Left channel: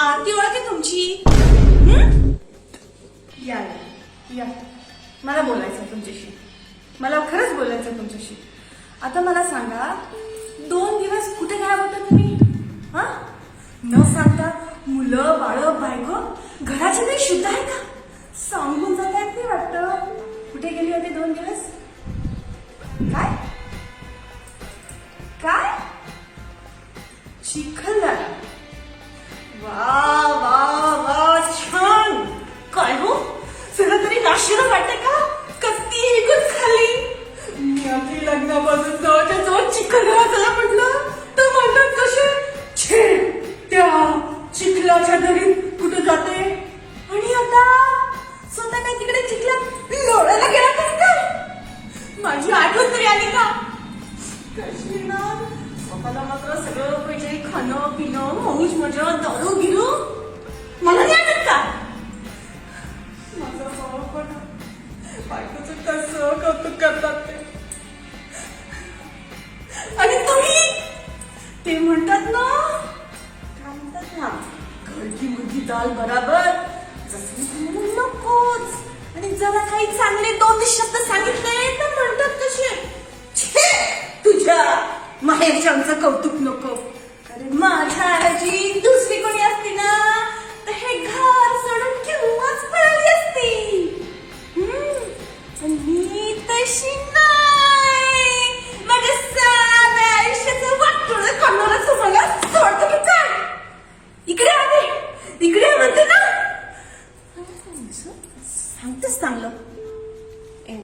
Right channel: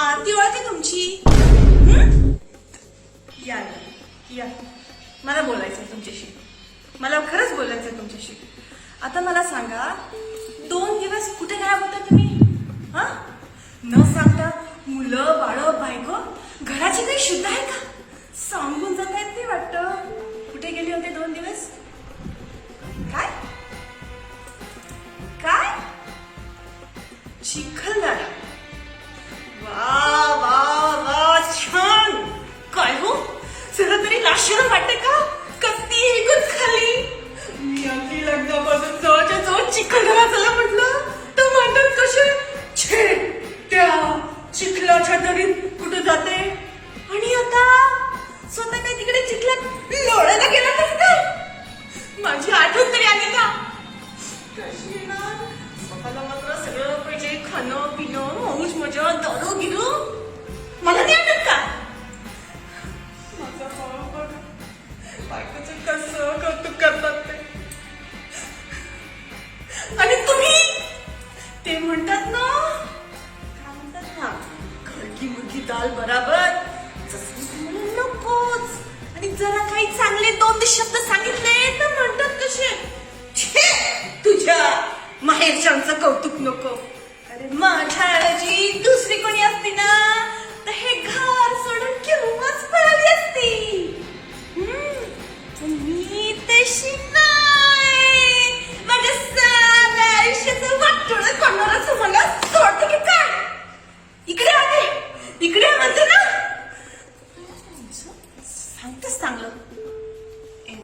आरती ओळखते तुमची. या या या, मला बोलायचं तुमच्याशी. मला खरंच बोलायचं तुमच्याशी. आता मला सांगा, 2 दिवस कुठे गायब होता तुम्ही? हा, न सांगता मुलं बाळ बायको घराची काही शुद्ध आहे का? सांगून जाता येत नाही वाटतं. कुठे गेले होते 2 दिवस? काय काय चिखलदरा. वा वा वा, छान. काय हो, सगळं तरी आश्चर्य वाटते का? कत्ती एकच खाली. मी आपली लग्नापासून जवळच्या जवळ चिखलदरा चला म्हटलं तर म्हणतात कसे, छे त्या चिखलाच्या दरीत कुठं जाते. आणि आता स्वतः काय तिकडे चिखलात लोळायला गेला कसं काय? माझी आठवण तरी आली का? कशी ना, स्वतःला मात्र सगळं पाहिजे, खाणं पिणं मौज मजा दारू गिरू. मला नाही आवडत का? माझा स्वभाव बघा, बायकोचं कसं कौतुक करतात ते. आणि तुम्ही ते म्हणतात ना, काय म्हणतात ना, घरकी मुर्गी दाल बराबर. जसं म्हणून नकोच. आणि जरा काही चांगले 2 शब्द सांगितले तर म्हणतात कसे, छे तुझ्या माहेरच्यांचं कौतुक नको. अरे माझ्या ऐवजी दुसरी कोणी असती ना तर हे घर सोडून केव्हाच पळाली असती. मी तशी नाही. माझ्या साऱ्या आयुष्याचं वाटोळं करणारच मला सोडतं की काय? इकडे आले, इकडे म्हणते ना. सांगतेच चांगलं.